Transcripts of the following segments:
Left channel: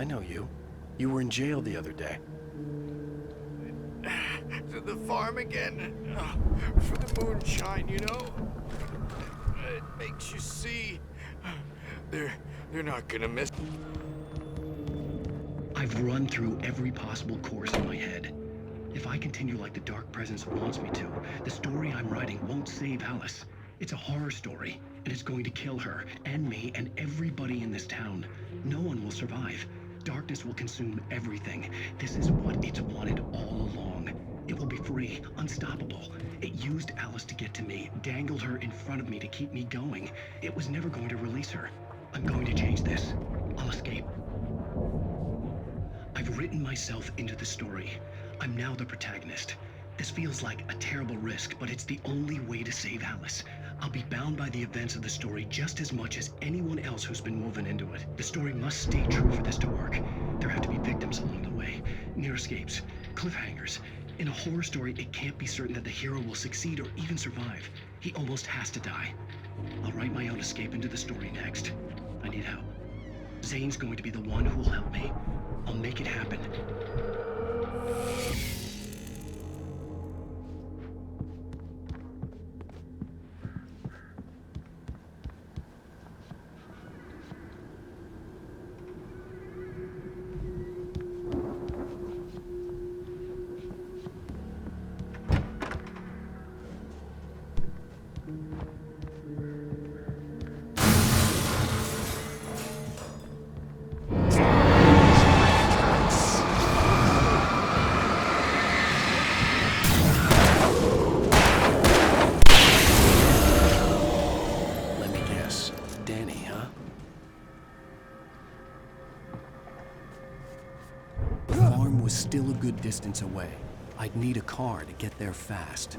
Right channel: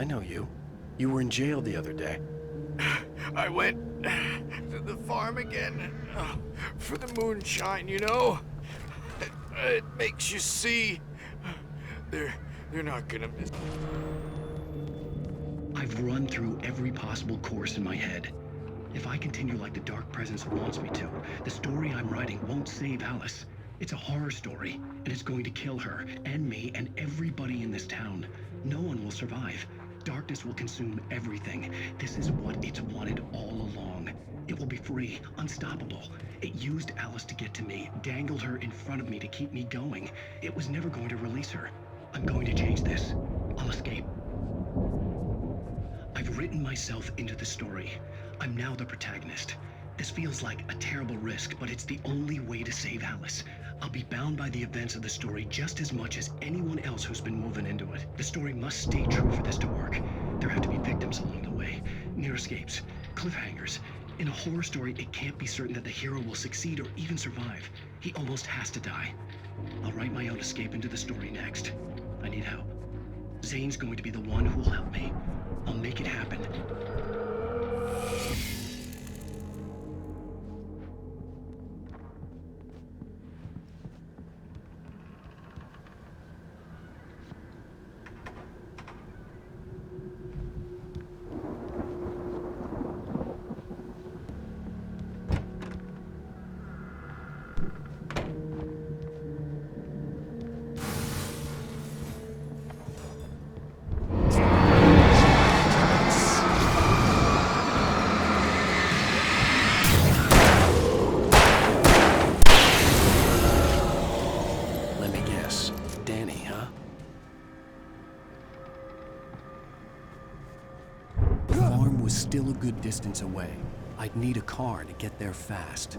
I know you. You were in jail the other day. I went to the farm again for the moonshine, you know? It makes you see. They're not gonna miss. I've run through every possible course in my head. If I continue like the Dark Presence wants me to, the story I'm writing won't save Alice. It's a horror story, and it's going to kill her, and me, and everybody in this town. No one will survive. Darkness will consume everything. This is what it's wanted all along. It will be free, unstoppable. It used Alice to get to me, dangled her in front of me to keep me going. It was never going to release her. I'm going to change this. I'll escape. I've written myself into the story. I'm now the protagonist. This feels like a terrible risk, but it's the only way to save Alice. I'll be bound by the events of the story just as much as anyone else who's been woven into it. The story must stay true for this to work. There have to be victims along the way, near escapes, cliffhangers. In a horror story, it can't be certain that the hero will succeed or even survive. He almost has to die. I'll write my own escape into the story next. I need help. Zane's going to be the one who will help me. I'll make it happen. Let me guess. Danny, huh? The farm was still a good distance away. I'd need a car to get there fast.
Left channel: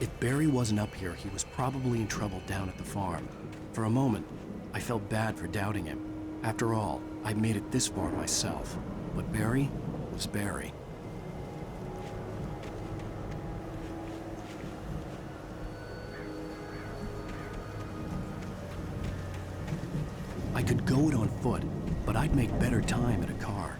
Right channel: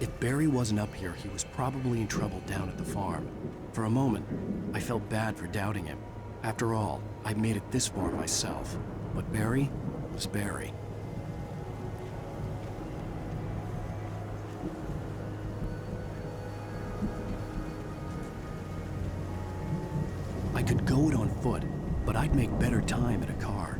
If Barry wasn't up here, he was probably in trouble down at the farm. For a moment, I felt bad for doubting him. After all, I made it this far myself. But Barry was Barry. I could go it on foot, but I'd make better time in a car.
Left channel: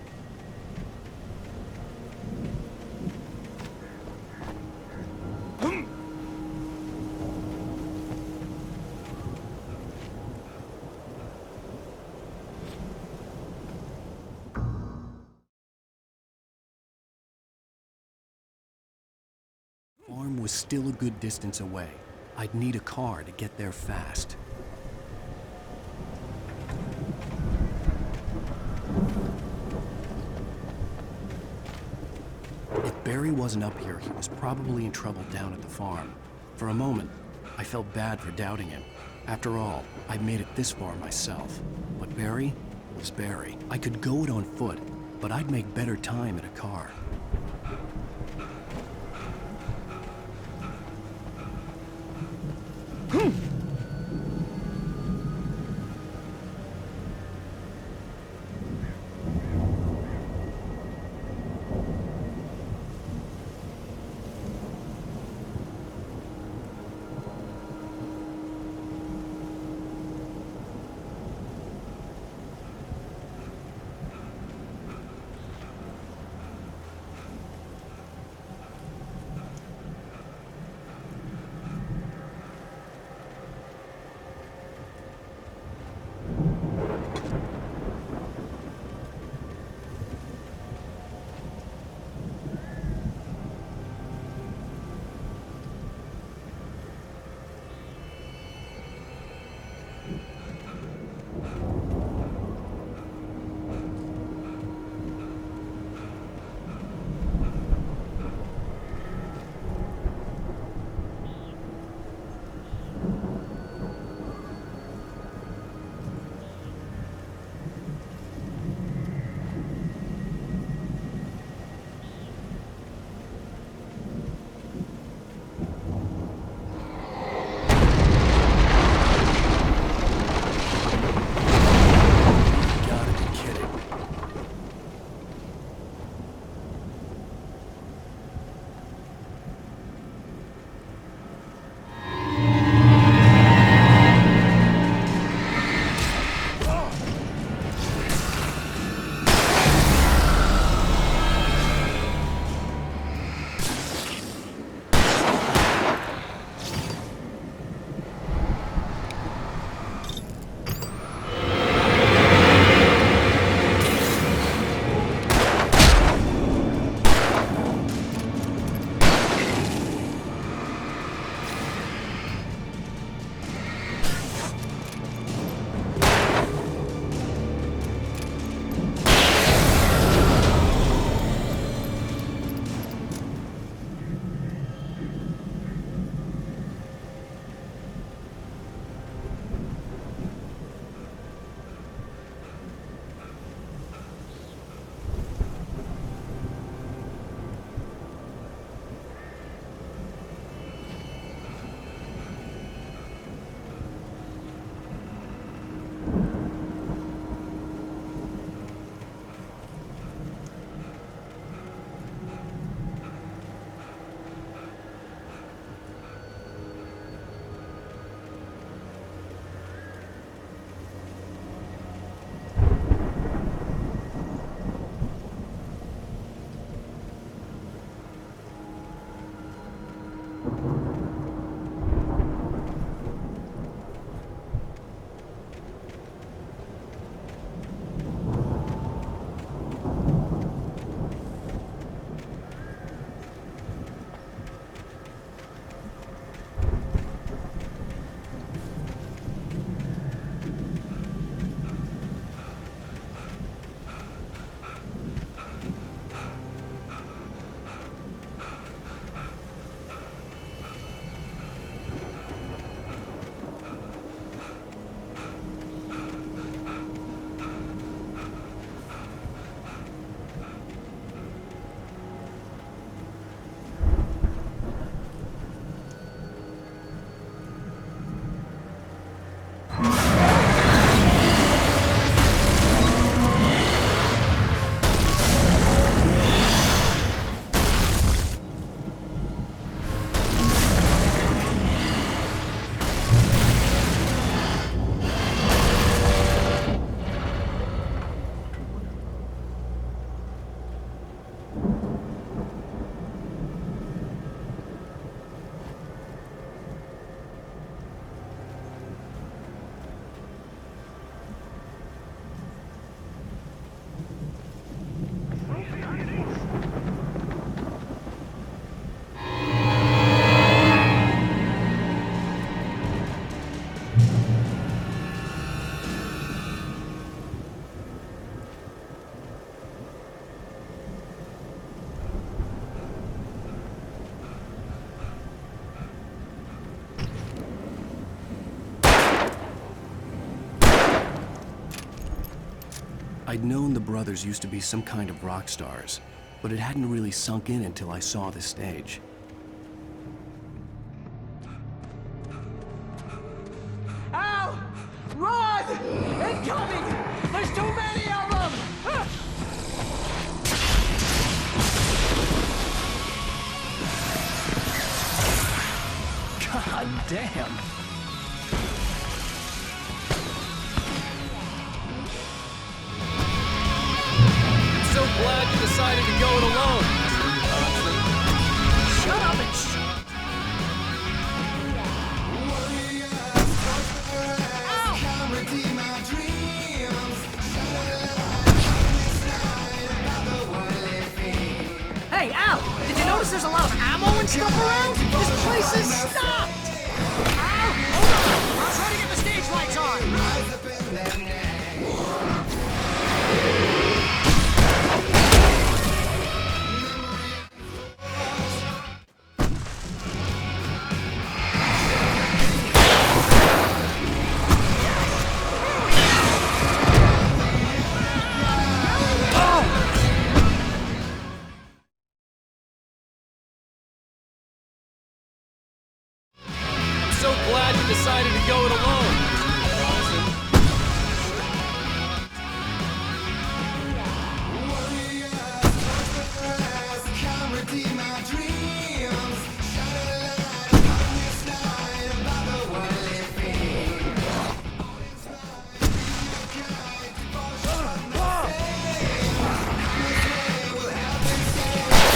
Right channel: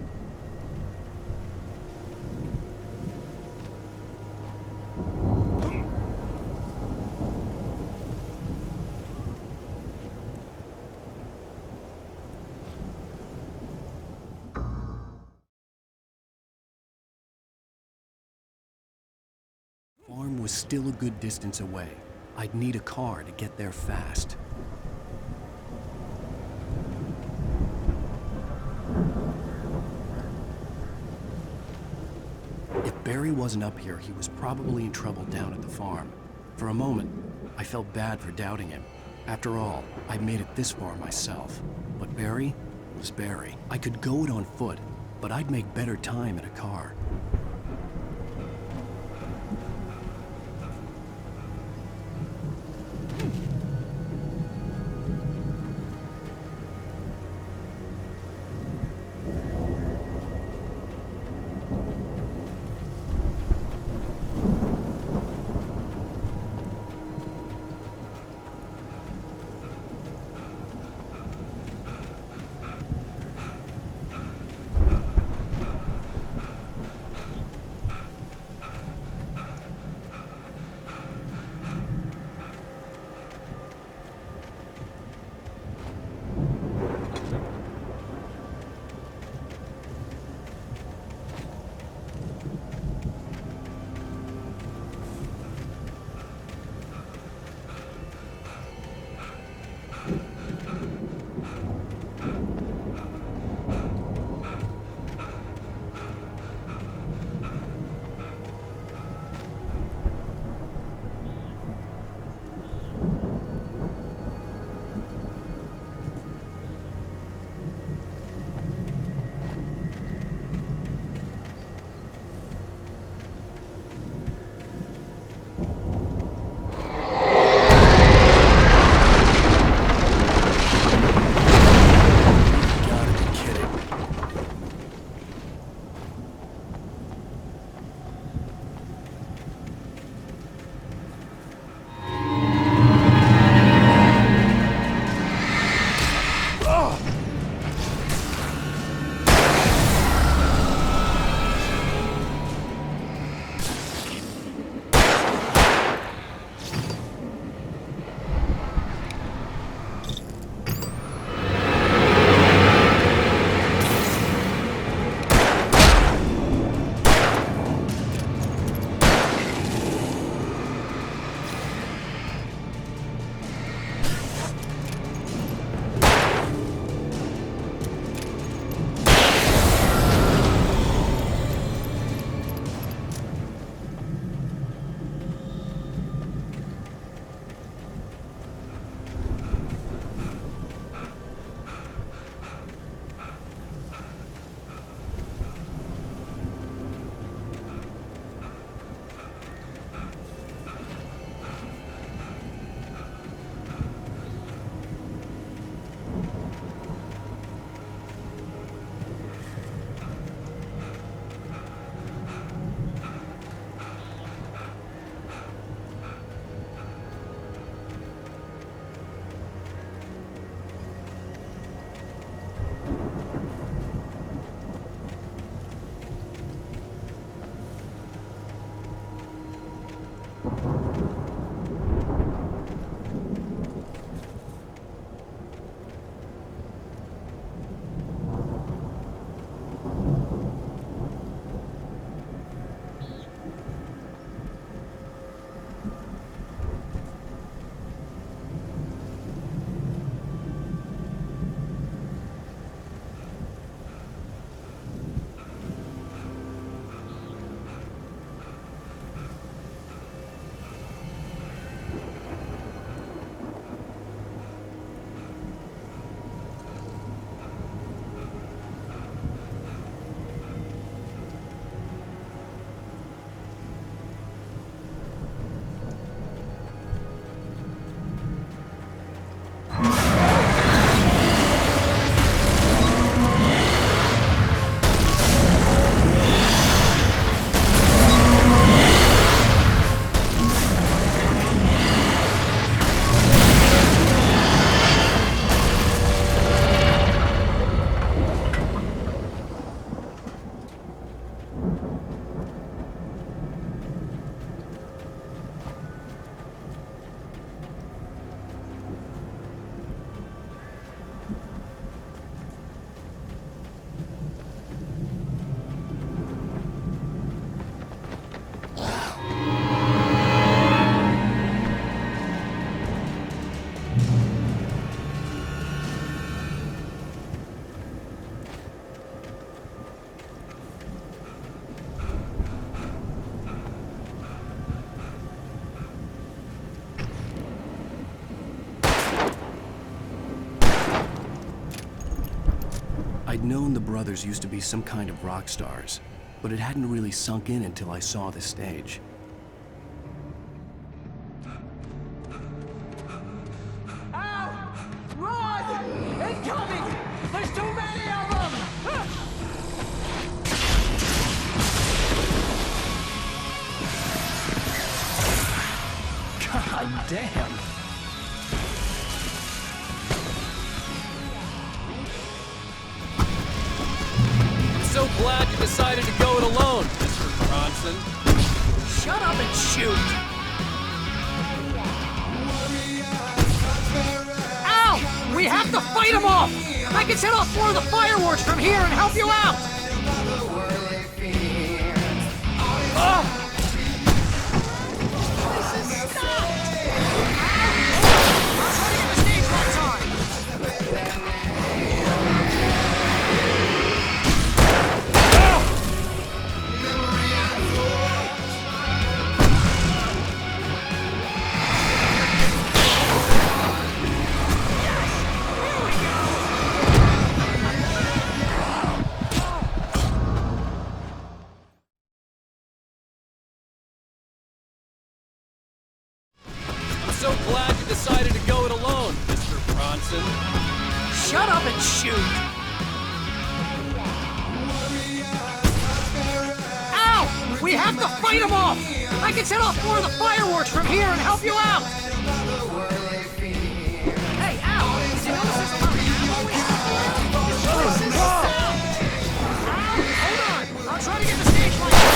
The farm was still a good distance away. I'd need a car to get there fast. If Barry wasn't up here, he was probably in trouble down at the farm. For a moment, I felt bad for doubting him. After all, I made it this far myself. But Barry was Barry. I could go it on foot, but I'd make better time in a car. I'd known the brothers used to be some kind of rock stars, but it hadn't really sunk in until I saw the stage. Al! Run! Incoming! There's too many of them! God damn! So glad you decided to go it alone, Mr. Bronson. Shut up and shoot! Al! We have to fight them off! I can set off more of the fireworks from here and help you out! Hey, Al! Did you notice there's a lot of ammo and stuff around? This place is stocked! Al! Hold on! I'll try to get the stage lights on! So glad you decided to go it alone, Mr. Bronson. Shut up and shoot! Ow! We have to fight them off! I can set off more of the fireworks from here and help you out! Hey, Al! Did you notice there's a lot of I'll try to get the stage lights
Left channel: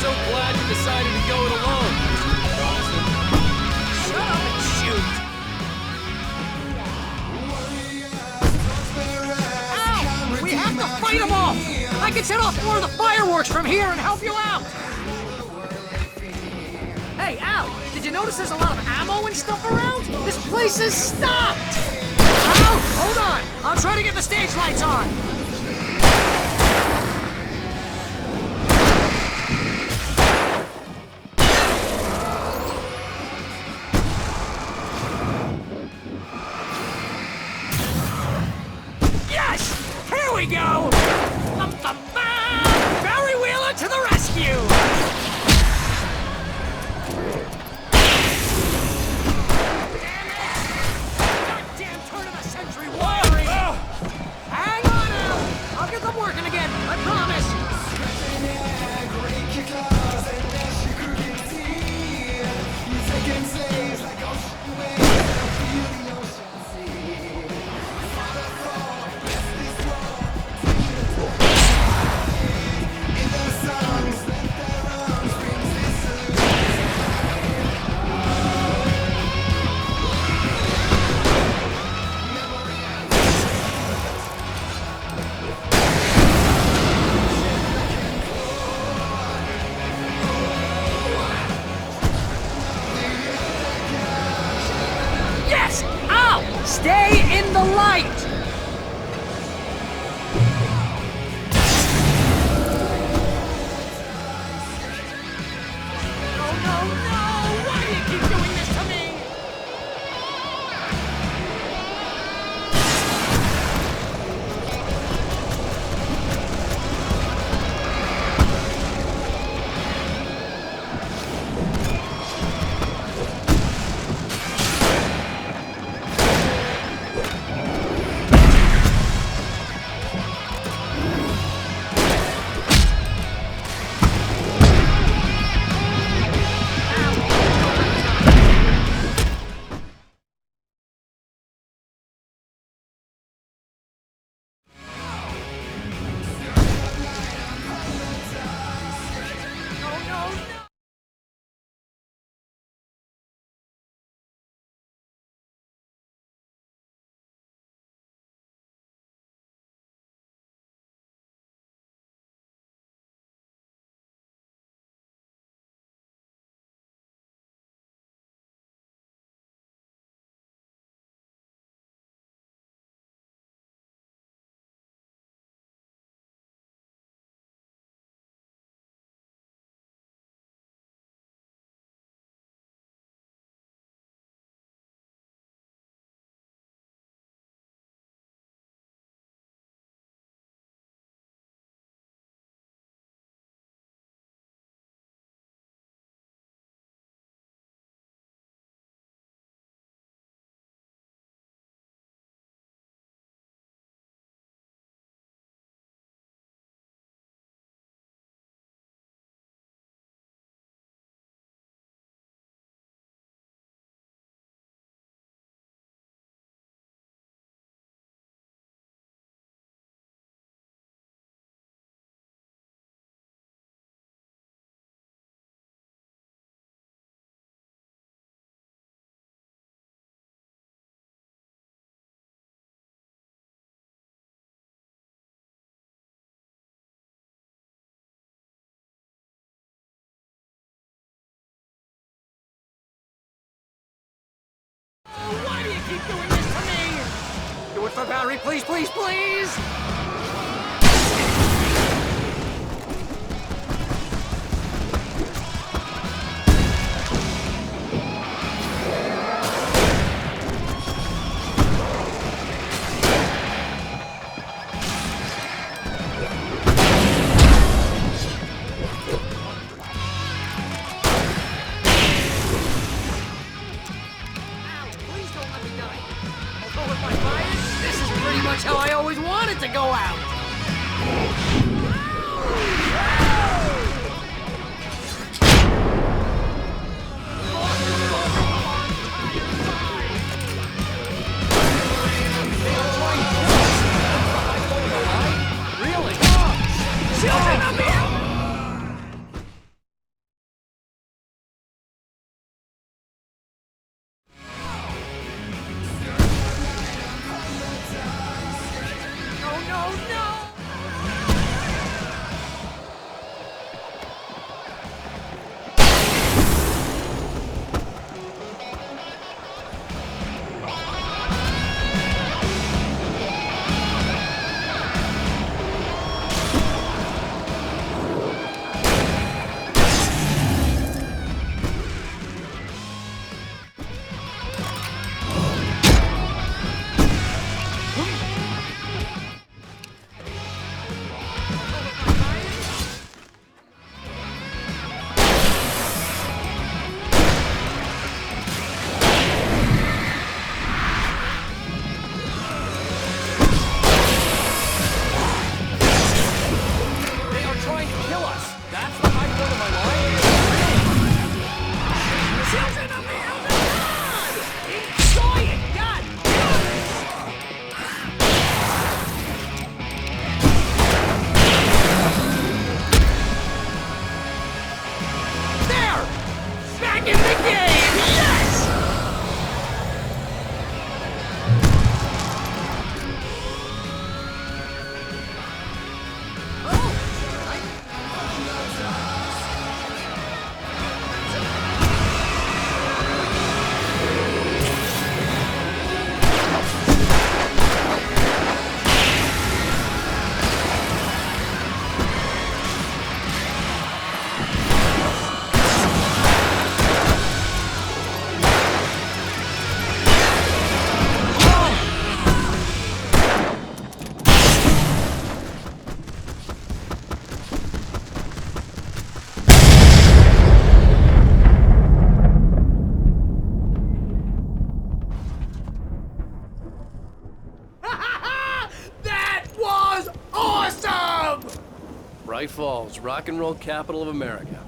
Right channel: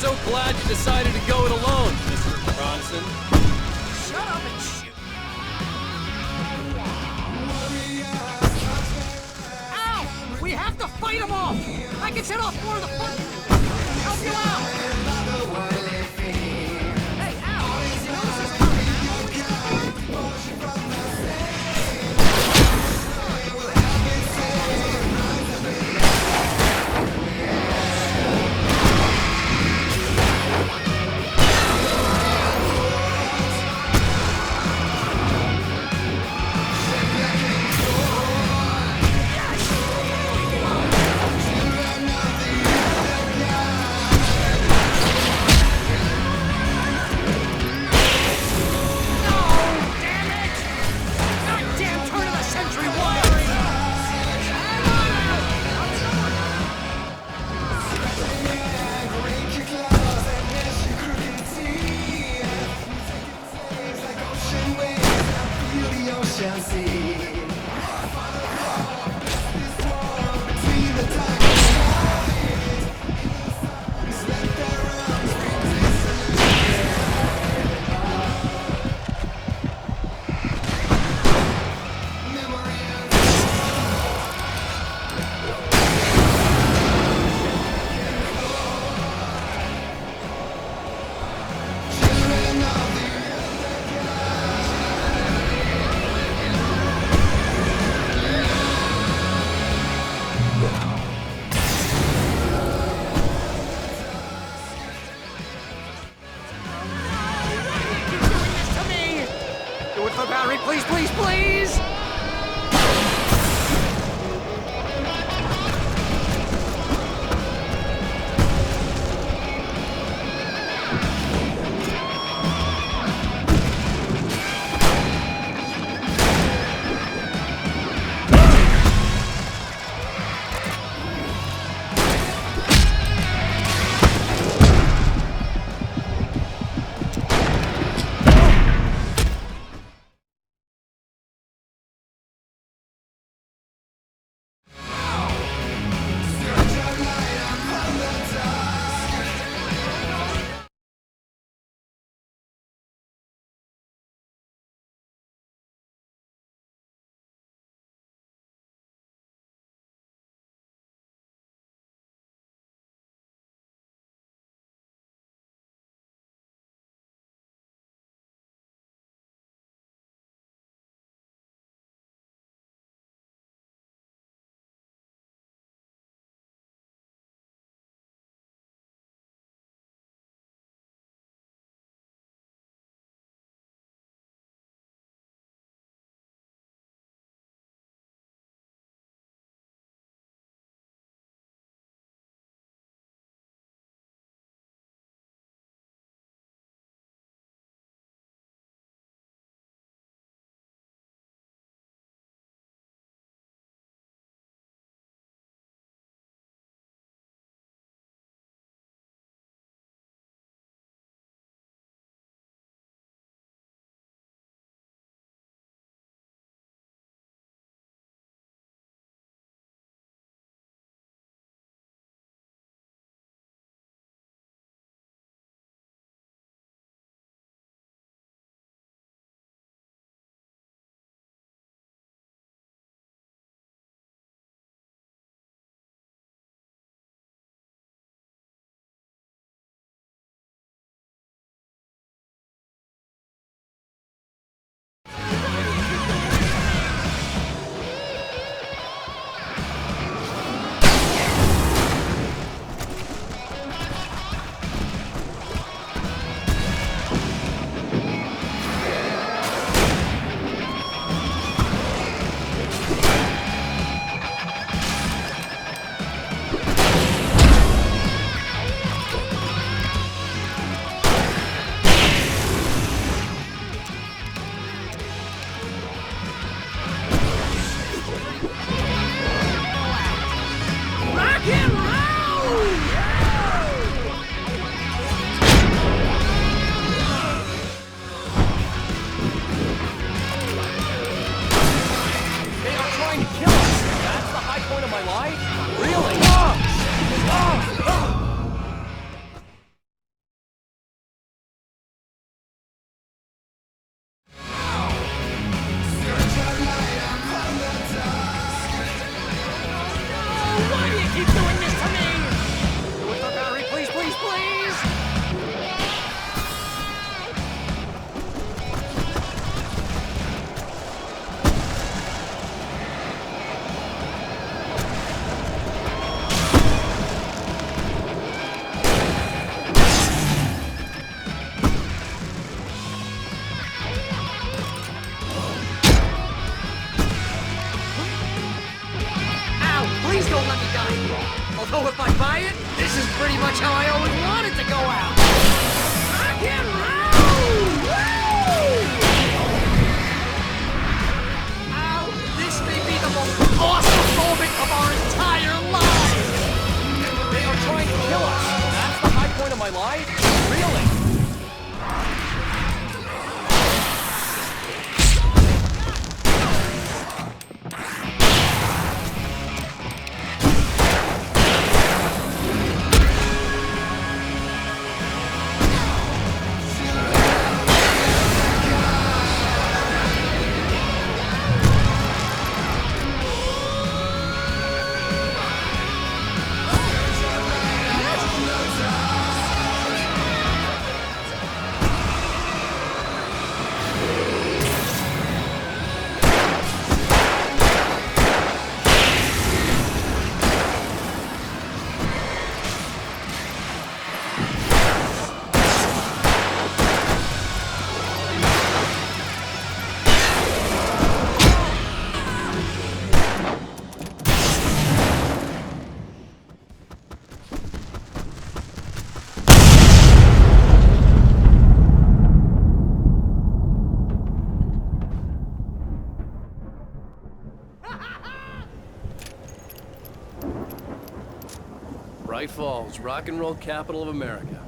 So glad you decided to go it alone, Mr. Bronson. Shut up and shoot! Ow! We have to fight them off! I can set off more of the fireworks from here and help you out! Hey, Al! Did you notice there's a lot of ammo and stuff around? This place is stocked! Al, hold on! I'll try to get the stage lights on! Why do you keep doing this to me? Do it for Barry, please, please, please! Why do you keep doing this to me? Do it for Barry, please, please, please! This is pretty much how I always wanted to go out! Rock and roll! They are trying to kill us! That's the high point of my life? Really? Why do you keep doing this to me? Do it for Barry, please, please, please! Ow! Please don't let me die! Although if I buy it, this is pretty much how I always wanted to go out! Rock and roll! Ow! This may be the most awesome moment of our entire lives! They are trying to kill us! That's the high point of my life? Really? Saw it! God! There! Night Falls, rock and roll capital of America.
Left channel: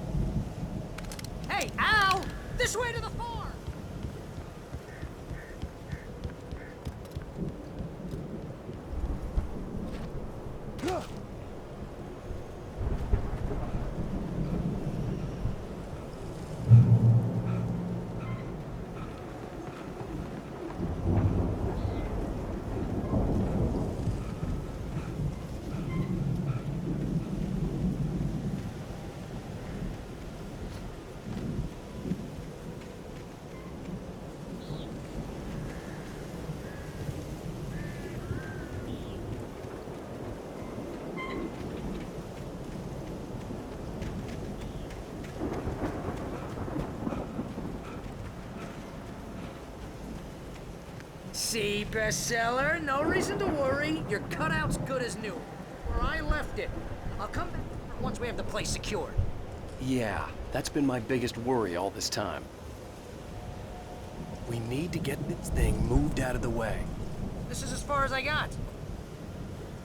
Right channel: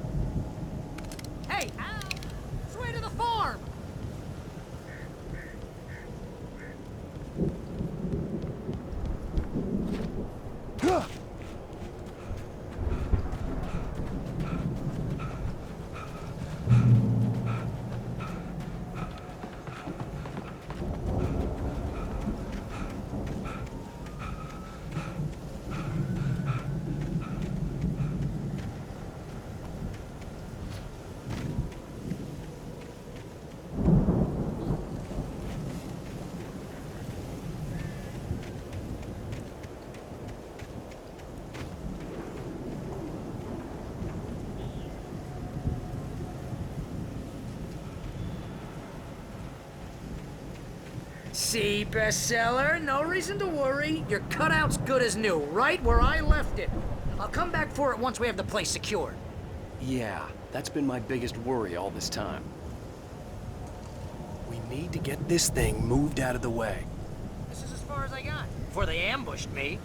Hey, Al! This way to the farm! See, bestseller? No reason to worry. Your cutout's good as new, right where I left it. I'll come back for it once we have the place secured. Yeah, that's been my biggest worry all this time. We need to get this thing moved out of the way. This is as far as I got before they ambushed me.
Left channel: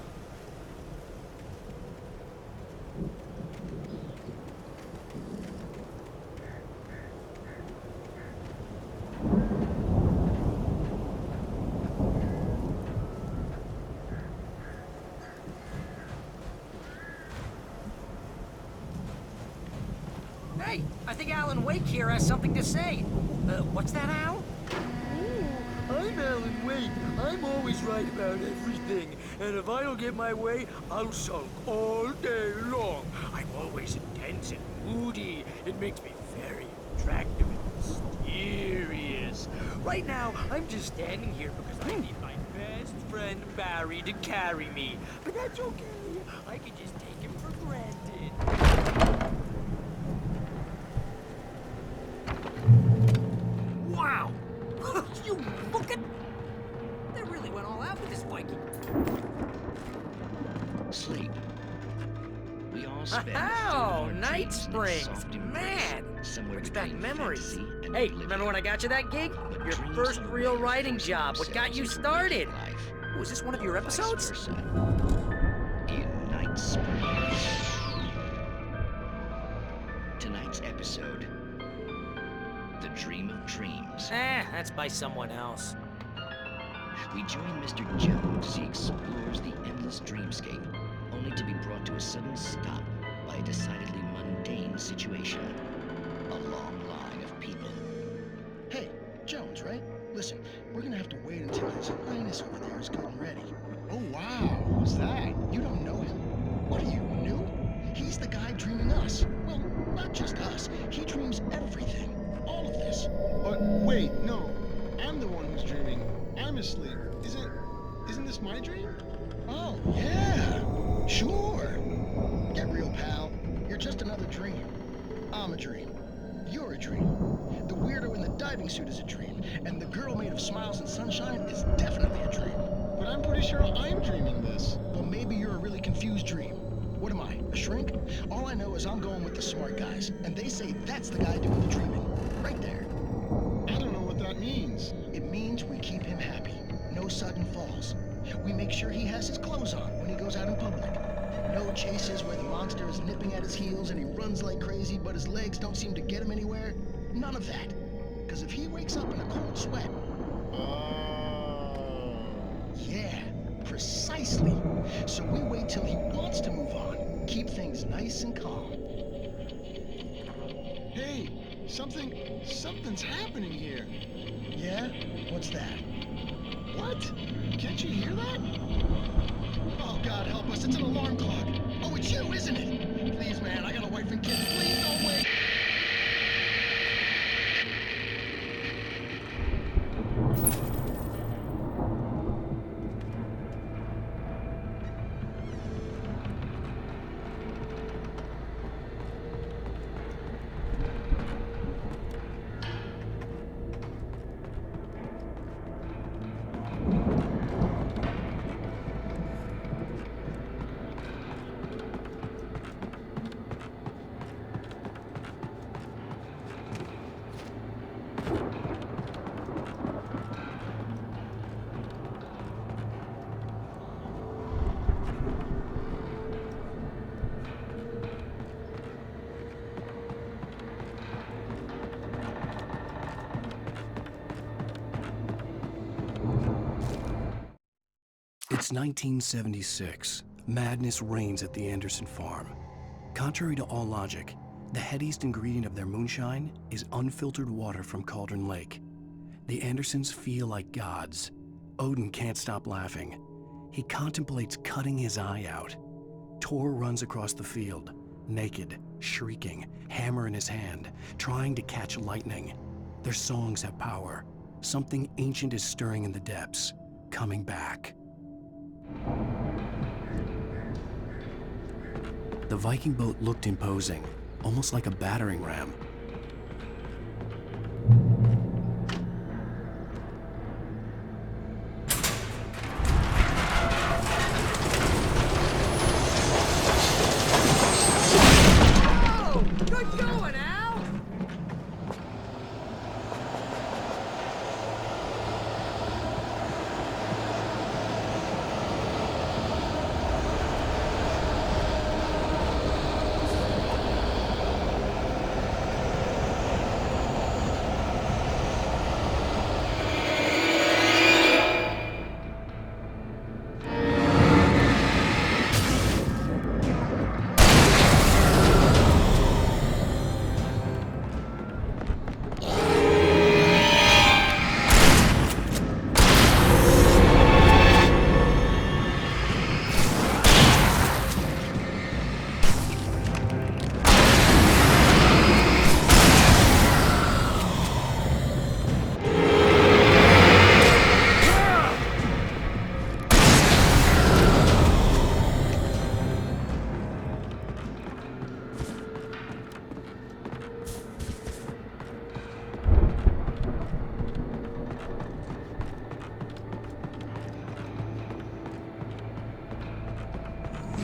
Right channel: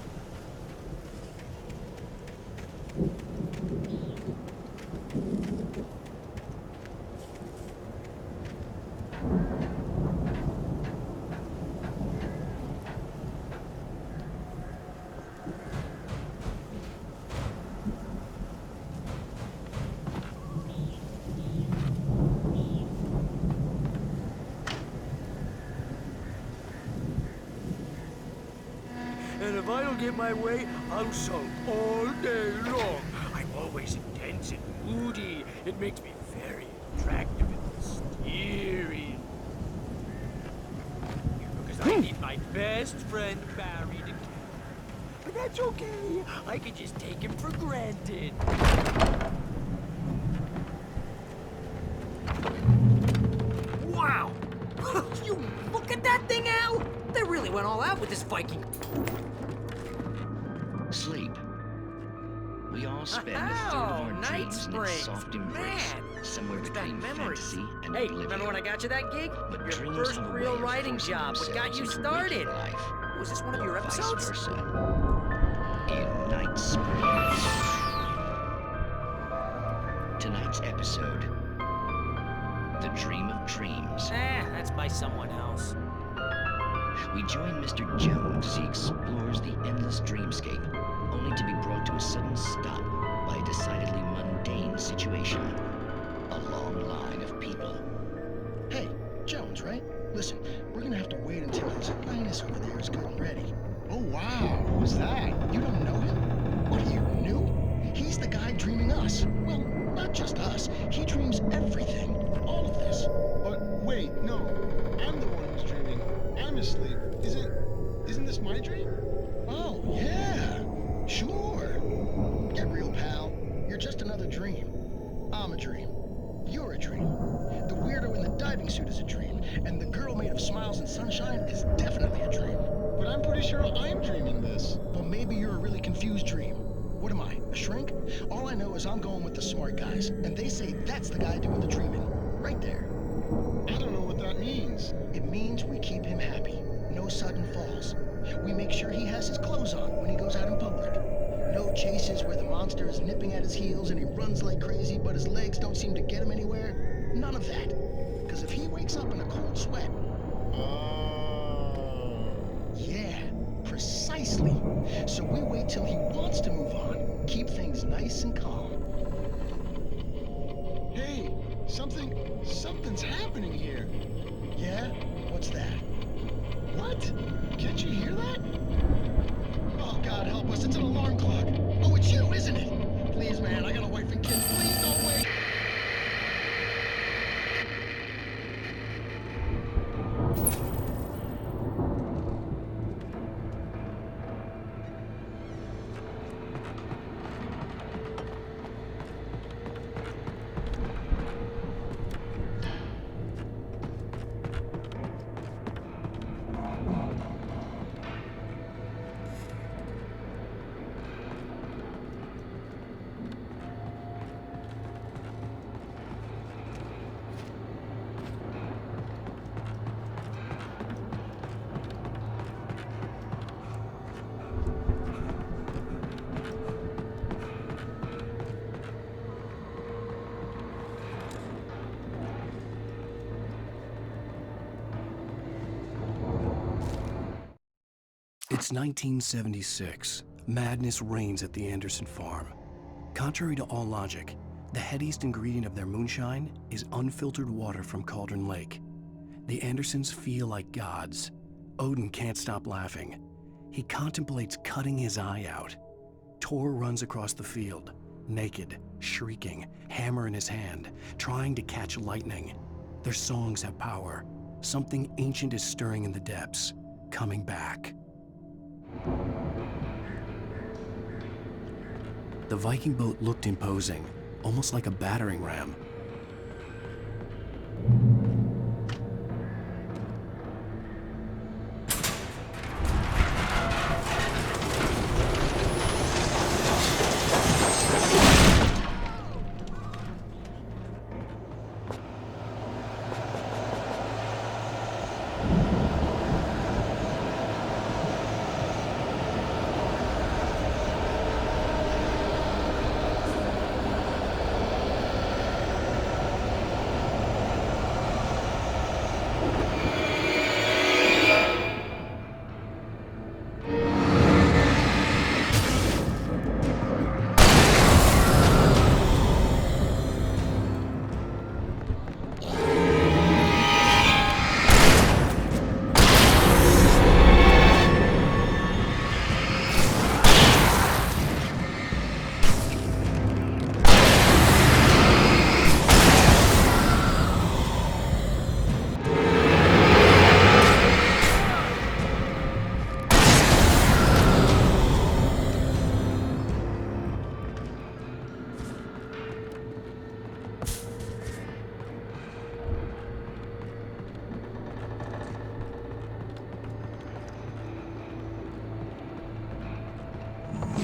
Hey, I think Alan Wake here has something to say. What's that, Al? I'm Alan Wake. I'm always right about everything. And if I don't get my way, I'll sulk all day long. I'm always intense and moody. It makes me very attractive and mysterious. Right now, I'm just standing here because I need my best friend Barry to carry me. But that's okay. I can just take him for granted. Wow! You look at that thing, Al! They really went all out with this Viking. Sleep. We all spend a third of Oh, our Night dreams in its Springs! soft embrace, Man! somewhere Brings back between memories. fantasy and Hey, oblivion. remember when I got you that gig? But Your dreams first have a real way of writing forcing job. What got you themselves into waking started? life, Was this one of or your vice episodes? versa. In Night Springs. Tonight's episode, The Dream of Dreams. That's by someone else. We join Mr. Jones as he explores the endless dreamscape, only to be brought to a sudden stop by a decidedly mundane situation. A long line of people. Hey, Jones, right? Listen, we're gonna have to wait until His Highness over there is good and ready. Oh, wow. Who's that? You don't know him? What are you, new? He's the guy dreaming us. Well, not just us. He dreams everything. All of this. But wait, no. I'm the one who's dreaming. I'm asleep. Isn't this my dream? Oh, yeah. Sure. Get real, pal. You're just another dream. I'm a dream. You're a dream. The weirdo in the diving suit is a dream. And the girl made of smiles and sunshine is definitely a dream. But I'm pretty sure I'm dreaming this. Well, maybe you're a really confused dream. What am I, a shrink? All I know is I'm going with the smart guys, and they say that's the guy doing the dreaming. Right there. I don't know what that means. It means we keep him happy. No sudden falls. We make sure he has his clothes on when he goes out in public. No chases where the monster is nipping at his heels and he runs like crazy, but his legs don't seem to get him anywhere. None of that. Because if he wakes up in a cold sweat... Yeah, precisely. So we wait till he wants to move on. Keep things nice and calm. Hey, something's happening here. Yeah? What's that? What? Can't you hear that? Oh, God help us, it's an alarm clock. Oh, it's you, isn't it? Please, man, I got a wife and kids. Please don't wait. It's 1976. Madness reigns at the Anderson farm. Contrary to all logic, the headiest ingredient of their moonshine is unfiltered water from Cauldron Lake. The Andersons feel like gods. Odin can't stop laughing. He contemplates cutting his eye out. Tor runs across the field, naked, shrieking, hammer in his hand, trying to catch lightning. Their songs have power. Something ancient is stirring in the depths, coming back. The Viking boat looked imposing, almost like a battering ram.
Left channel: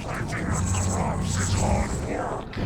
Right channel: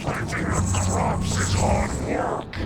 Planting the crops is hard work.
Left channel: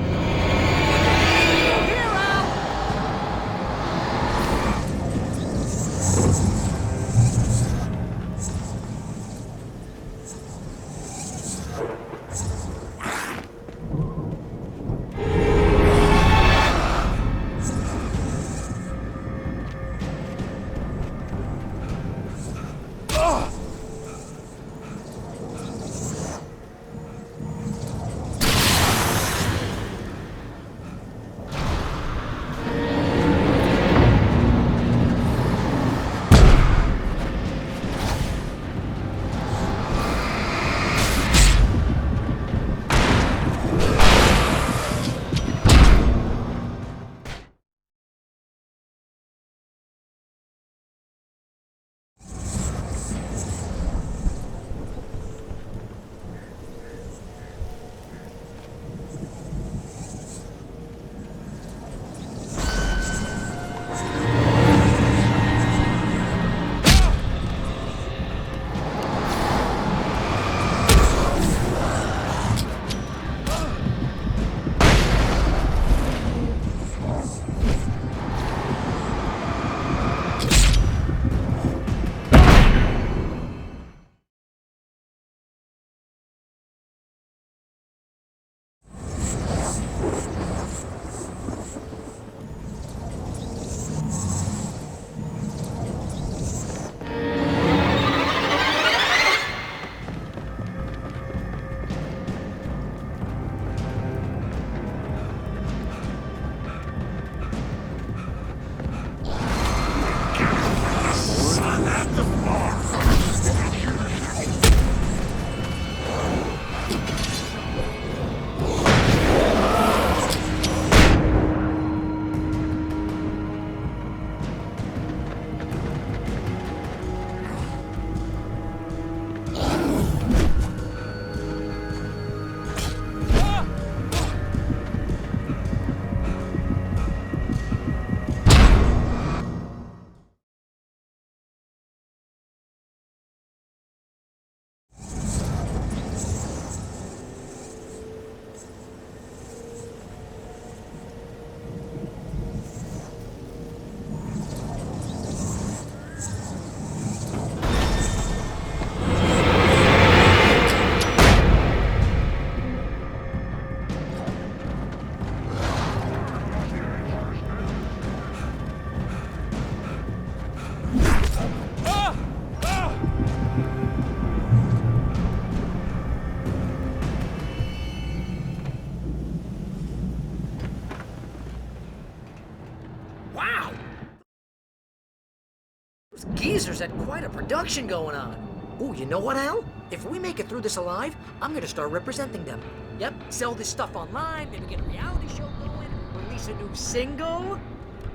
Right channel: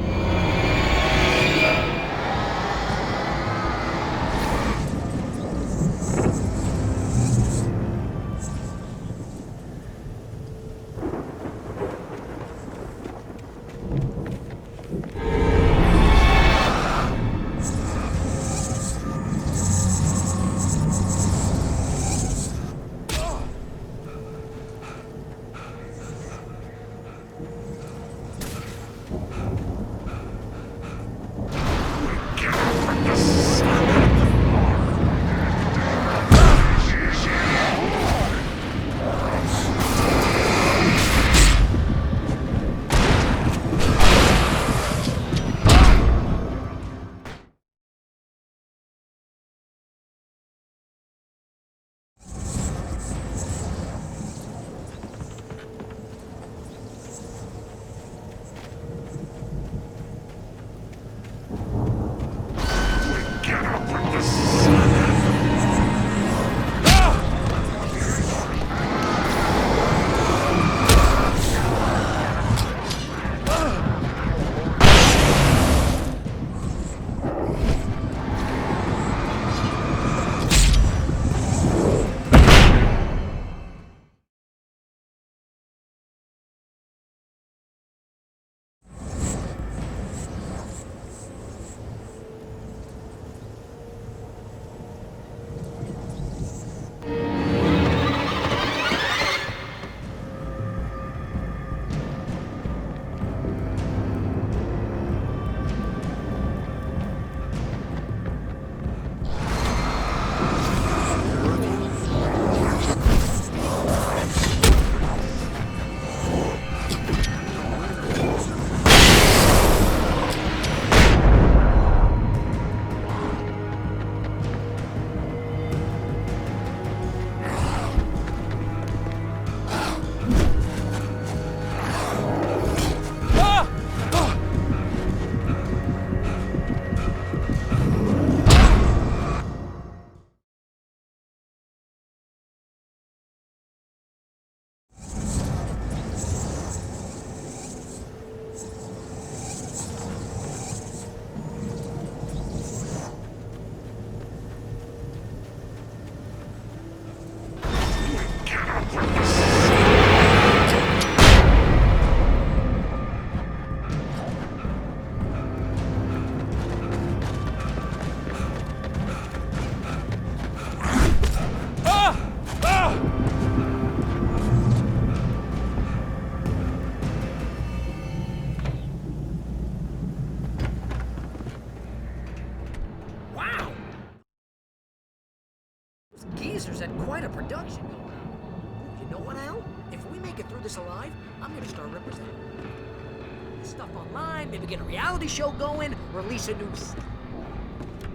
geezers had quite a production going on. Ooh, you know what, Al? If we make it through this alive, I'm gonna start representing them. Yep, sell this stuff online, maybe get a reality show going, release a new single.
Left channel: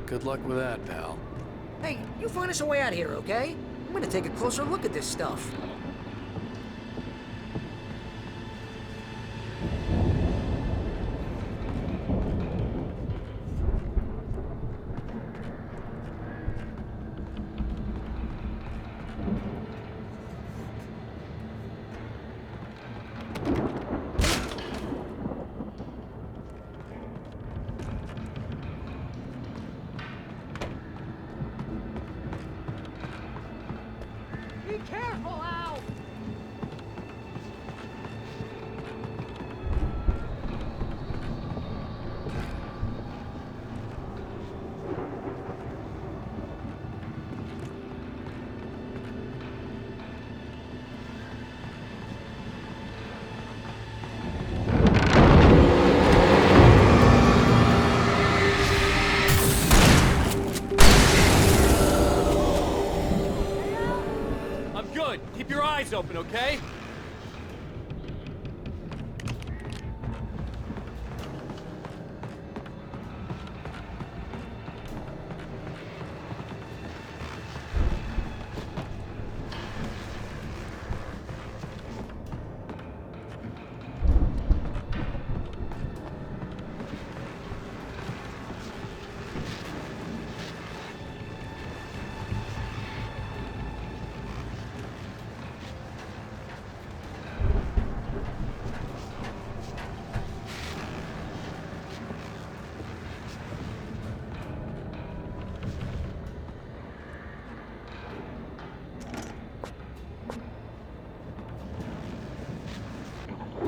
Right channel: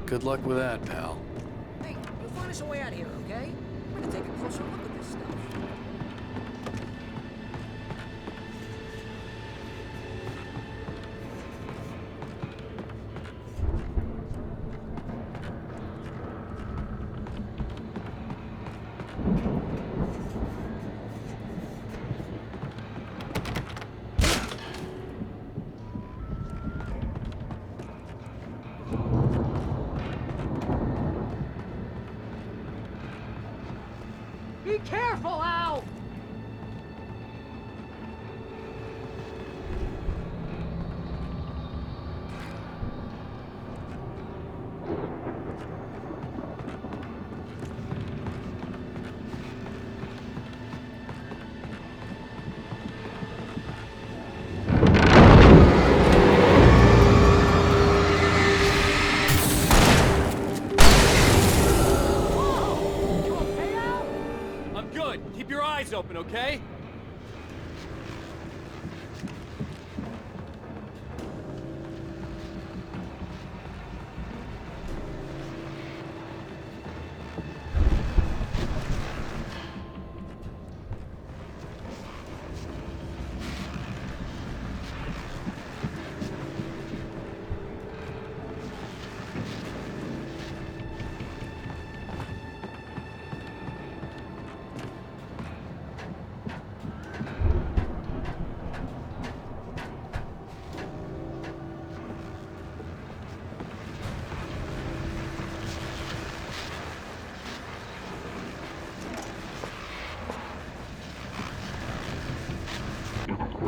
Good luck with that, pal. Hey, you find us a way out of here, okay? I'm gonna take a closer look at this stuff. Be careful, Al! I'm good. Keep your eyes open, okay?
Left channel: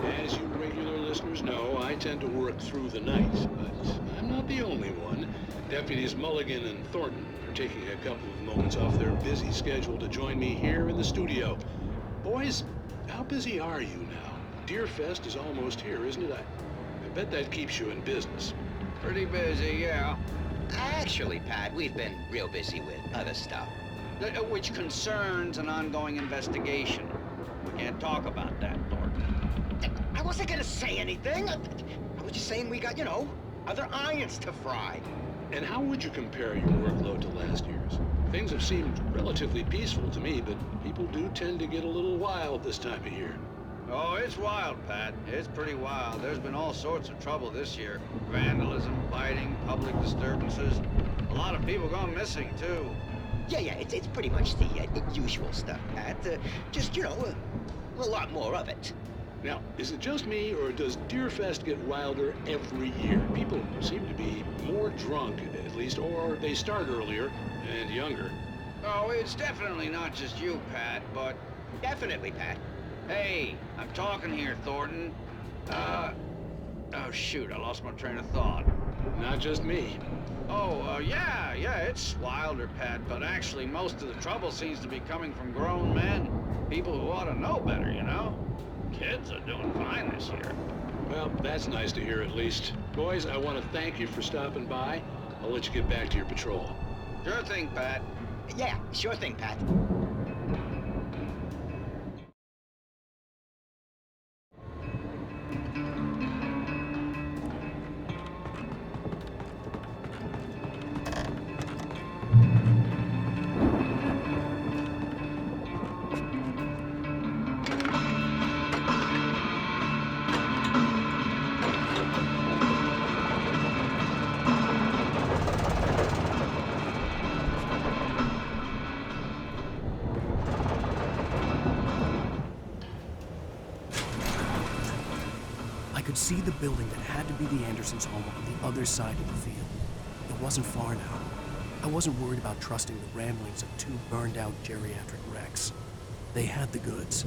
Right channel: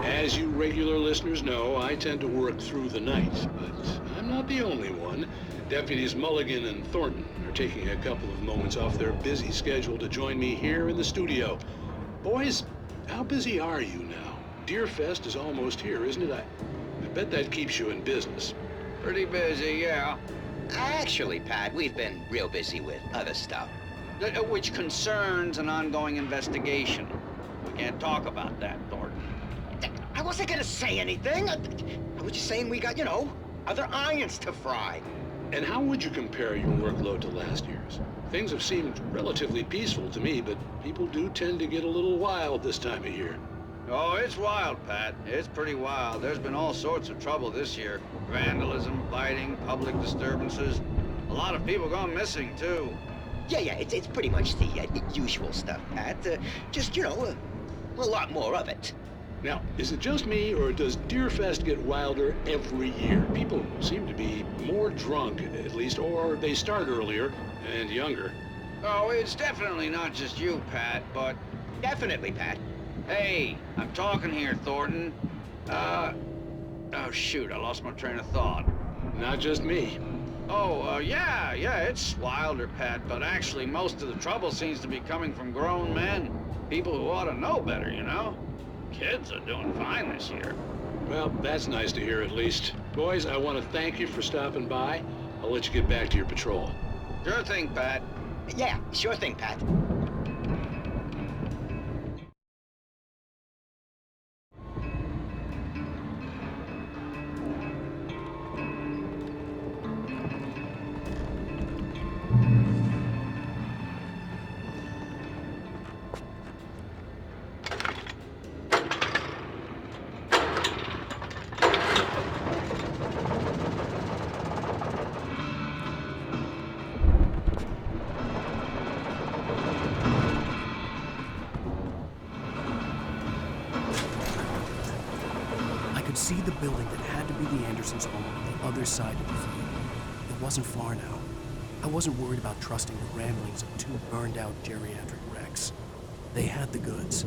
As you regular listeners know, I tend to work through the night, but I'm not the only one. Deputies Mulligan and Thornton are taking a couple of moments off their busy schedule to join me here in the studio. Boys, how busy are you now? Deerfest is almost here, isn't it? I bet that keeps you in business. Pretty busy, yeah. Actually, Pat, we've been real busy with other stuff, which concerns an ongoing investigation. We can't talk about that, Thornton. I wasn't gonna say anything. I was just saying we got, other irons to fry. And how would you compare your workload to last year's? Things have seemed relatively peaceful to me, but people do tend to get a little wild this time of year. Oh, it's wild, Pat. It's pretty wild. There's been all sorts of trouble this year. Vandalism, fighting, public disturbances. A lot of people gone missing, too. Yeah, it's pretty much the usual stuff, Pat. Just, a lot more of it. Now, is it just me, or does Deerfest get wilder every year? People seem to be more drunk, at least, or they start earlier and younger. Oh, it's definitely not just you, Pat, but... Definitely, Pat. Hey, I'm talking here, Thornton. Oh, shoot, I lost my train of thought. Not just me. Oh, yeah, it's wilder, Pat, but actually most of the trouble seems to be coming from grown men. People who ought to know better, Kids are doing fine this year. Well, that's nice to hear at least. Boys, I want to thank you for stopping by. I'll let you get back to your patrol. Sure thing, Pat. Yeah, sure thing, Pat. I could see the building that had to be the Andersons' home on the other side of the field. It wasn't far now. I wasn't worried about trusting the ramblings of two burned-out geriatric wrecks. They had the goods.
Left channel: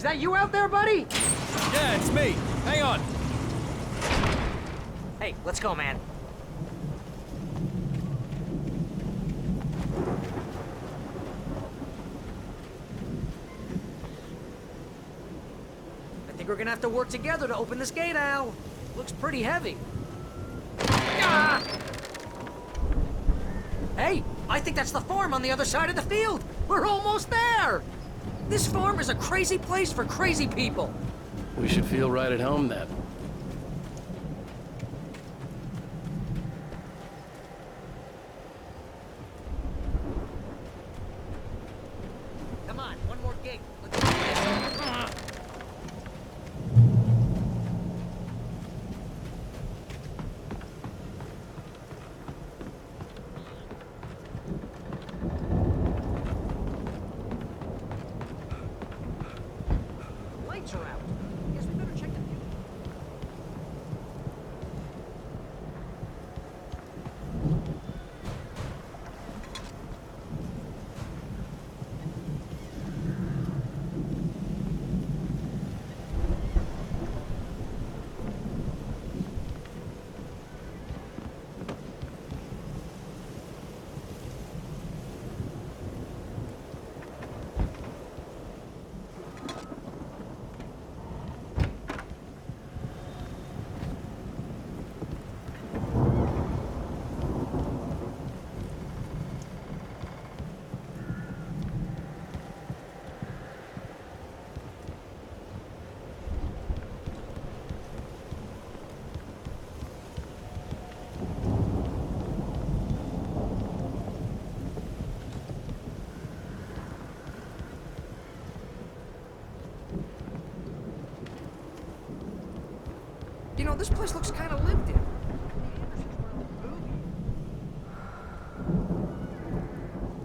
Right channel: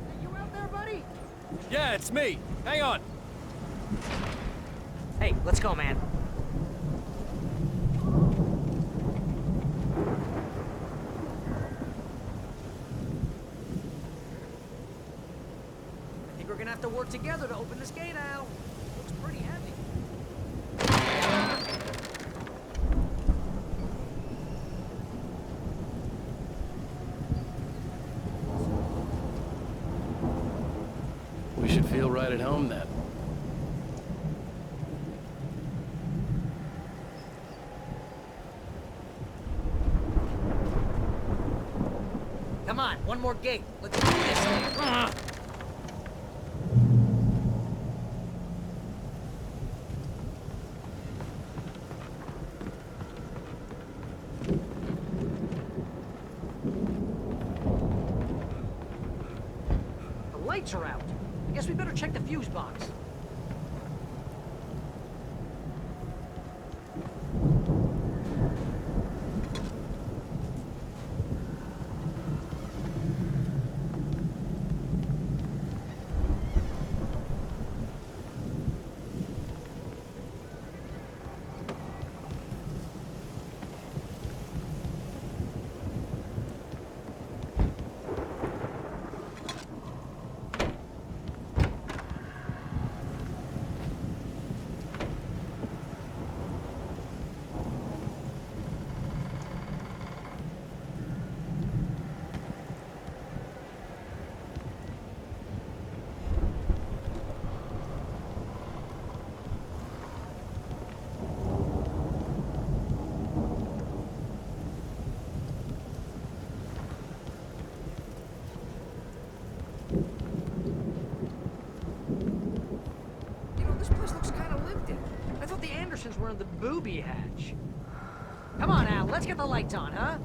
Is that you out there, buddy? Yeah, it's me. Hang on. Hey, let's go, man. I think we're gonna have to work together to open this gate, Al. Looks pretty heavy. Ah! Hey, I think that's the farm on the other side of the field. We're almost there. This farm is a crazy place for crazy people. We should feel right at home then. Come on, one more gate. Let's do this. The lights are out. I guess we better check the fuse box. You know, this place looks kind of lived in. I thought the Andersons were in the booby hatch. Come on, Al, let's get the lights on, huh?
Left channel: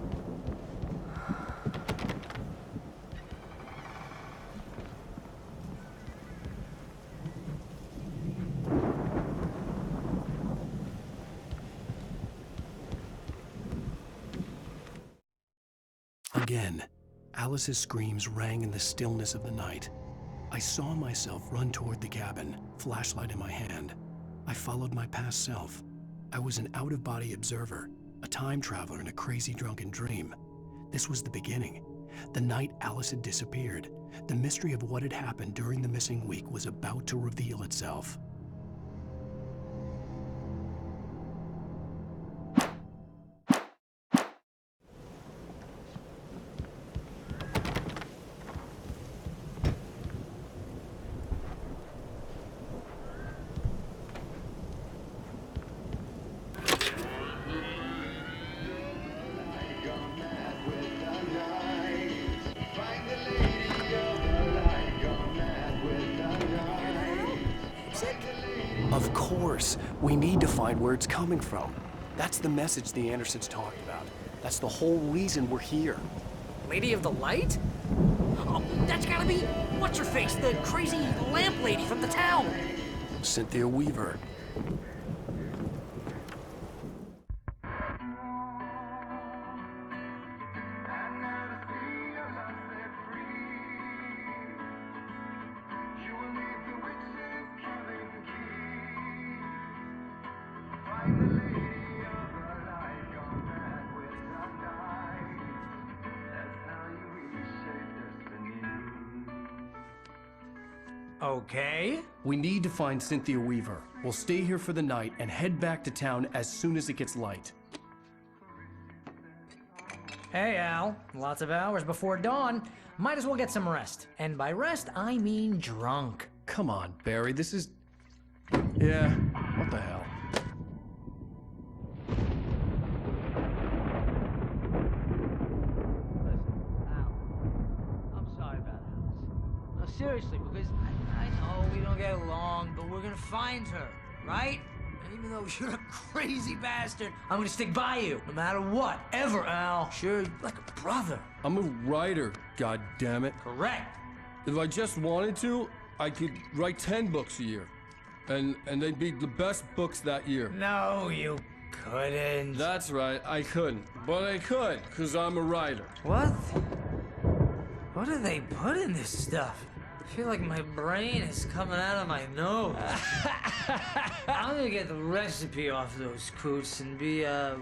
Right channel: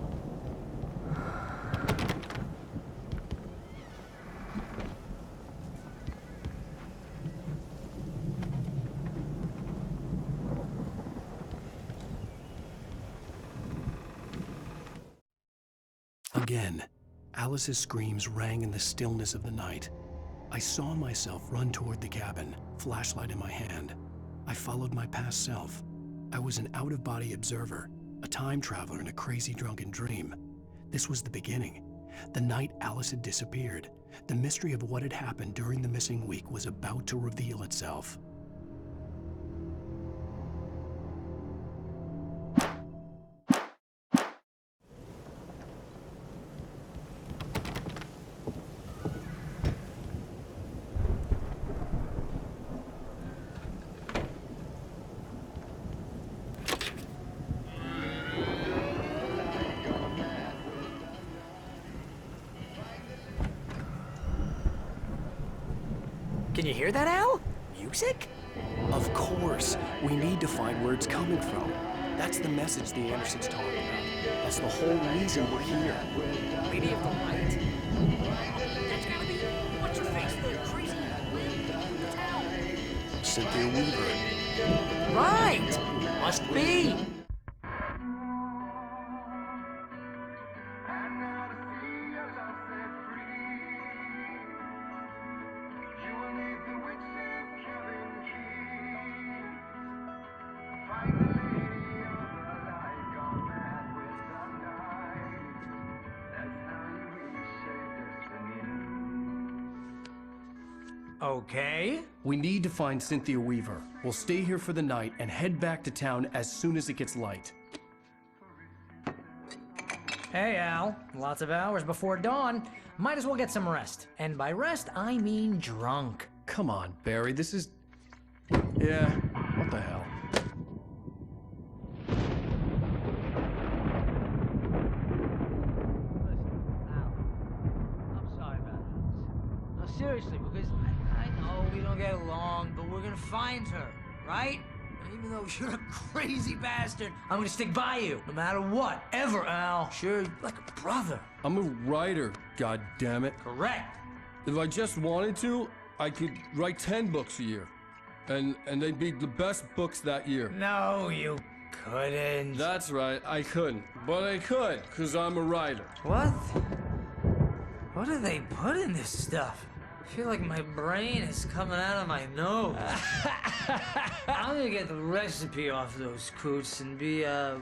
Again, Alice's screams rang in the stillness of the night. I saw myself run toward the cabin, flashlight in my hand. I followed my past self. I was an out-of-body observer, a time traveler in a crazy drunken dream. This was the beginning. The night Alice had disappeared. The mystery of what had happened during the missing week was about to reveal itself. Can you hear that, Al? Music? Of course. We need to find where it's coming from. That's the message the Andersons talked about. That's the whole reason we're here. Lady of the Light? Oh, that's gotta be what's-her-face, the crazy lamp lady from the town. Cynthia Weaver. Right. Must be. Okay. We need to find Cynthia Weaver. We'll stay here for the night and head back to town as soon as it gets light. Hey, Al. Lots of hours before dawn. Might as well get some rest. And by rest, I mean drunk. Come on, Barry, this is... Yeah, what the hell? Listen, Al, I'm sorry about Alice. No, seriously, because I know we don't get along, but we're gonna find her, right? And even though you're a crazy bastard, I'm gonna stick by you, no matter what, ever, Al. Sure, you're like a brother. I'm a writer, goddammit. Correct. If I just wanted to, I could write 10 books a year. And they'd be the best books that year. No, you couldn't. That's right, I couldn't. But I could, because I'm a writer. What? What do they put in this stuff? I feel like my brain is coming out of my nose. I'm gonna get the recipe off those coots and be a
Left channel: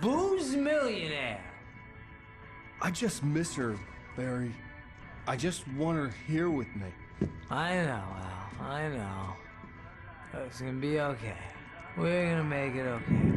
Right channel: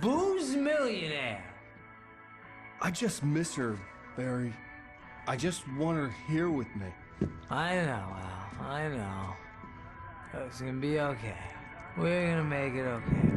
booze millionaire. I just miss her, Barry. I just want her here with me. I know, Al. I know. It's gonna be okay. We're gonna make it okay.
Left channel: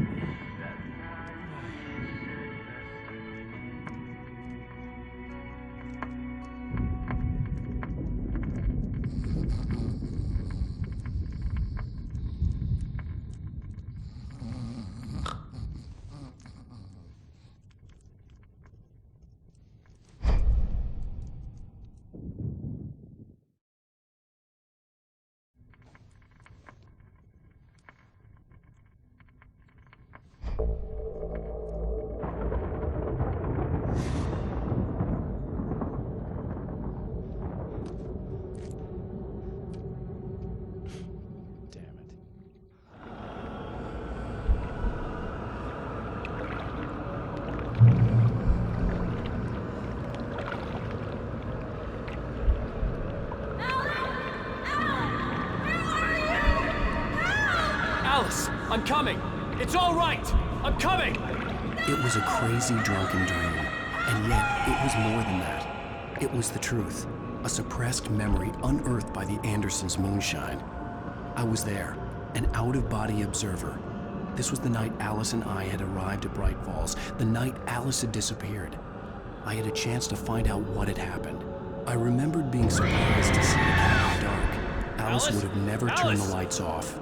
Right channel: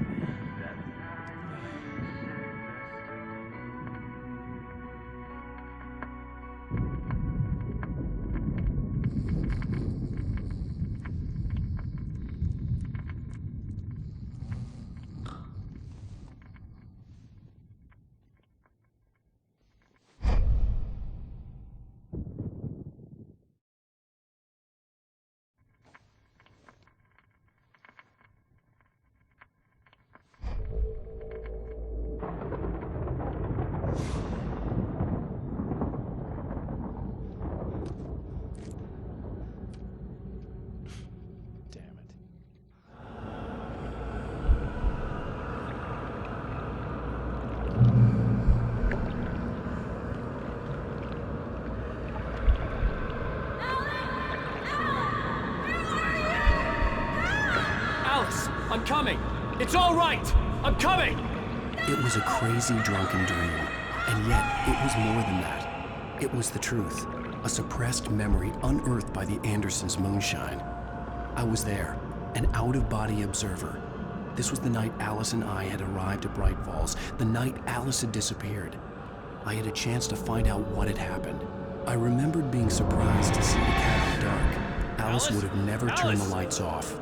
Damn it. Alice, I'm coming. It's all right. I'm coming. It was a crazy, drunken dream, and yet it was more than that. It was the truth, a suppressed memory unearthed by the Andersons' moonshine. I was there, an out-of-body observer. This was the night Alice and I had arrived at Bright Falls, the night Alice had disappeared. I had a chance to find out what had happened. I remembered being surprised to see the cabin dark. Alice would have never turned the lights off.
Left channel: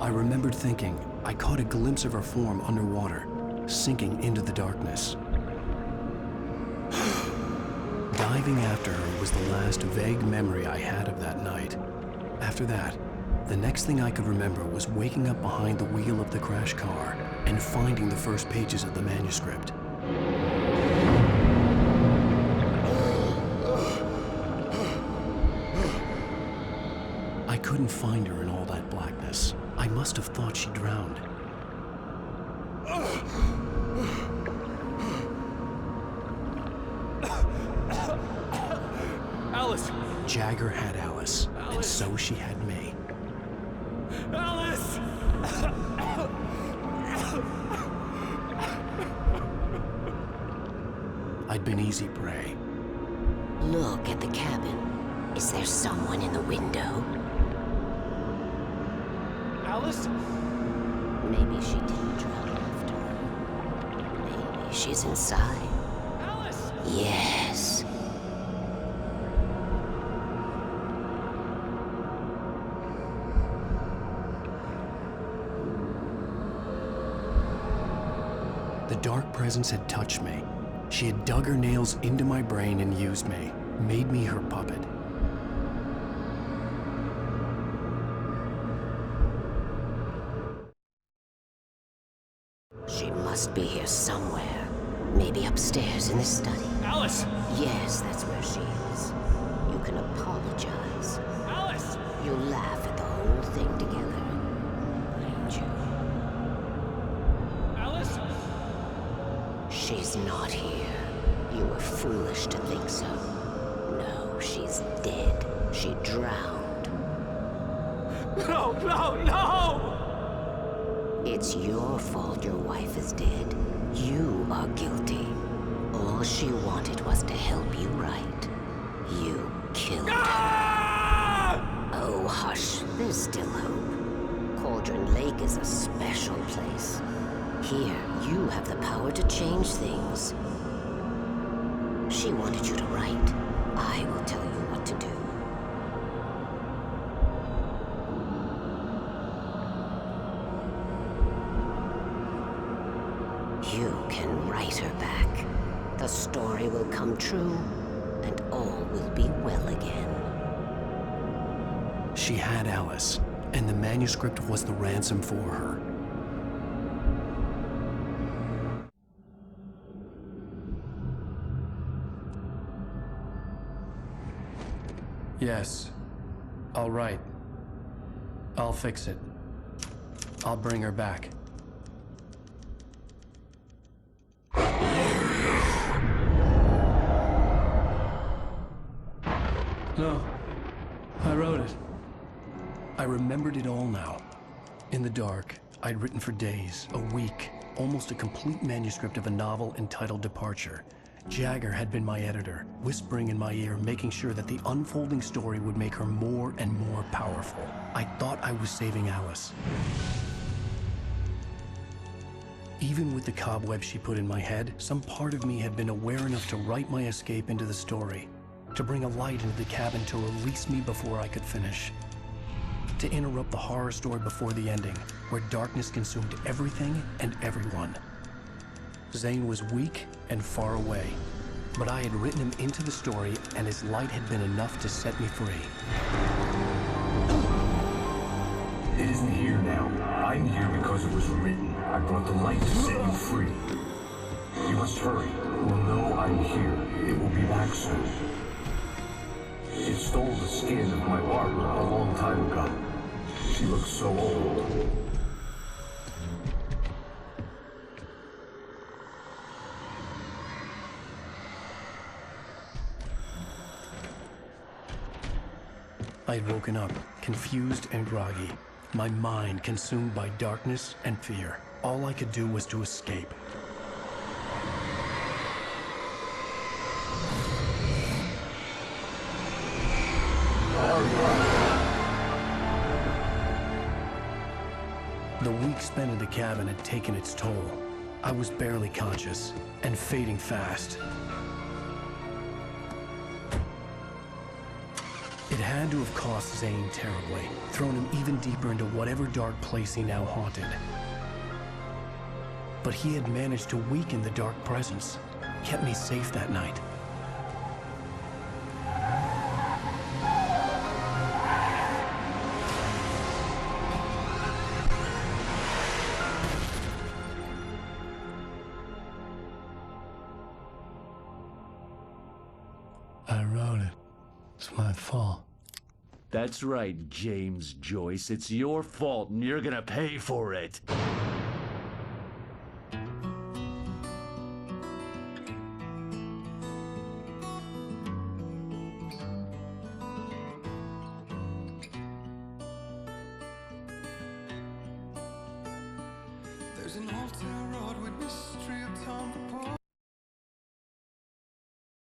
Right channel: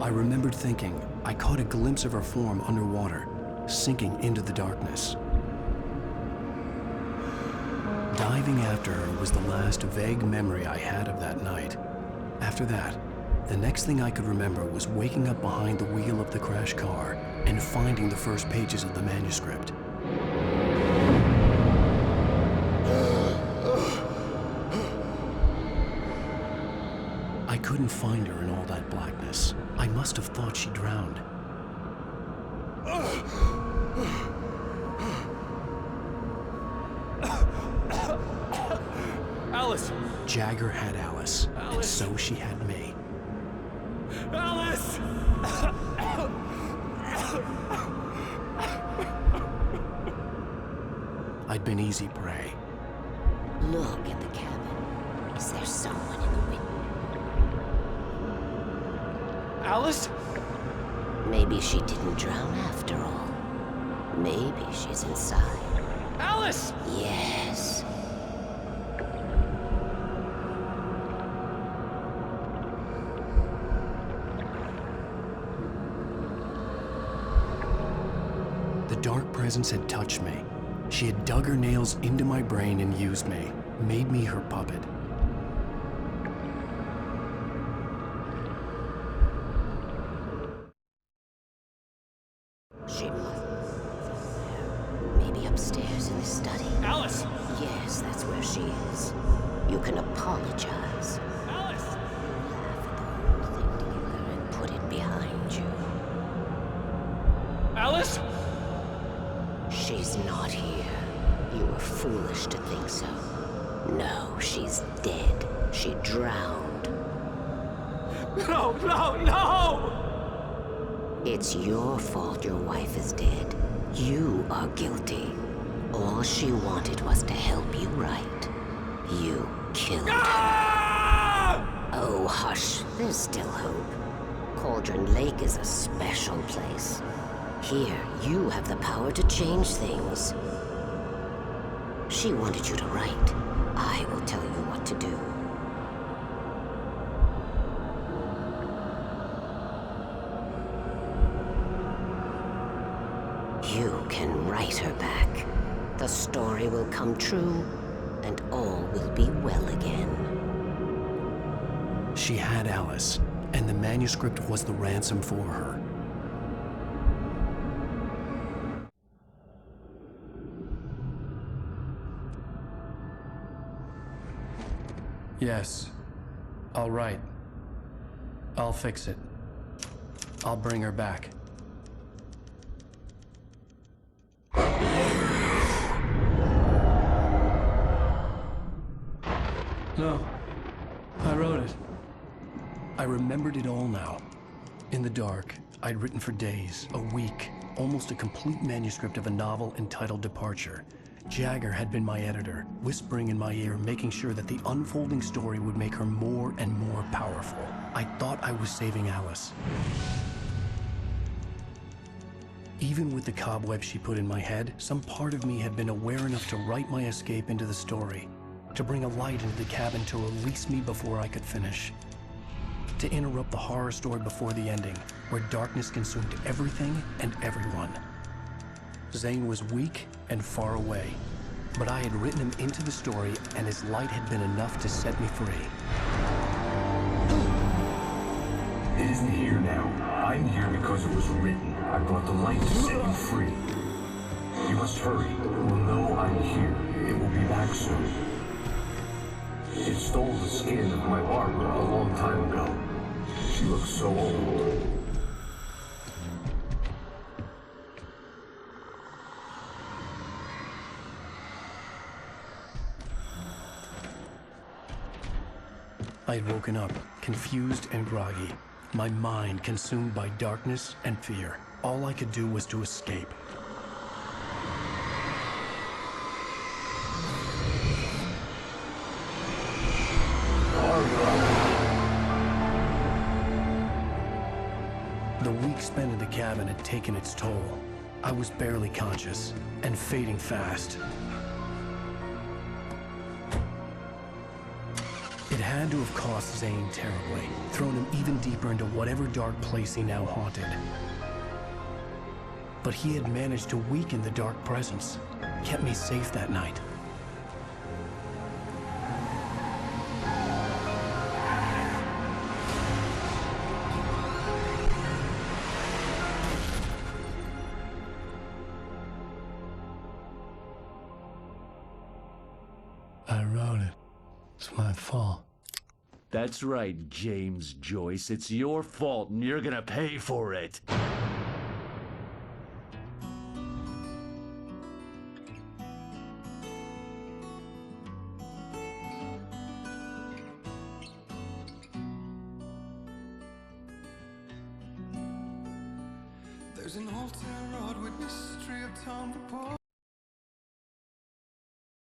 I remembered thinking I caught a glimpse of her form underwater, sinking into the darkness. Diving after her was the last vague memory I had of that night. After that, the next thing I could remember was waking up behind the wheel of the crashed car and finding the first pages of the manuscript. I couldn't find her in all that blackness. I must have thought she drowned. Alice! Jagger had Alice, and so she had me. Alice! I'd been easy prey. Look at the cabin. Is there someone in the window? Alice? Maybe she didn't drown after all. Maybe she's inside. Alice! Yes. The dark presence had touched me. She had dug her nails into my brain and used me, made me her puppet. She must be here somewhere. Maybe upstairs in the study. Alice! Yes, that's where she is. You can apologize. Alice! You'll laugh at the whole thing together and put it behind you. Alice? She's not here. You were foolish to think so. No, she's dead. She drowned. No, no, no! It's your fault your wife is dead. You are guilty. All she wanted was to help you right. You killed her. Oh, hush. There's still hope. Cauldron Lake is a special place. Here, you have the power to change things. She wanted you to write. I will tell you what to do. You can write her back. The story will come true, and all will be well again. She had Alice, and the manuscript was the ransom for her. Yes. All right. I'll fix it. I'll bring her back. No, I wrote it. I remembered it all now. In the dark, I'd written for days, a week, almost a complete manuscript of a novel entitled Departure. Jagger had been my editor, whispering in my ear, making sure that the unfolding story would make her more and more powerful. I thought I was saving Alice. Even with the cobwebs she put in my head, some part of me had been aware enough to write my escape into the story, to bring a light into the cabin to release me before I could finish, to interrupt the horror story before the ending, where darkness consumed everything and everyone. Zane was weak and far away, but I had written him into the story, and his light had been enough to set me free. It isn't here now. I'm here because it was written. I brought the light to set you free. You must hurry. It will know I'm here. It will be back soon. It stole the skin of my Barbara a long time ago. She looks so old. I had woken up, confused and groggy, my mind consumed by darkness and fear. All I could do was to escape. The week spent in the cabin had taken its toll. I was barely conscious, and fading fast. It had to have cost Zane terribly, thrown him even deeper into whatever dark place he now haunted. But he had managed to weaken the dark presence, kept me safe that night. I wrote it. It's my fault. That's right, James Joyce. It's your fault, and you're gonna pay for it. There's an old town road with mystery of town for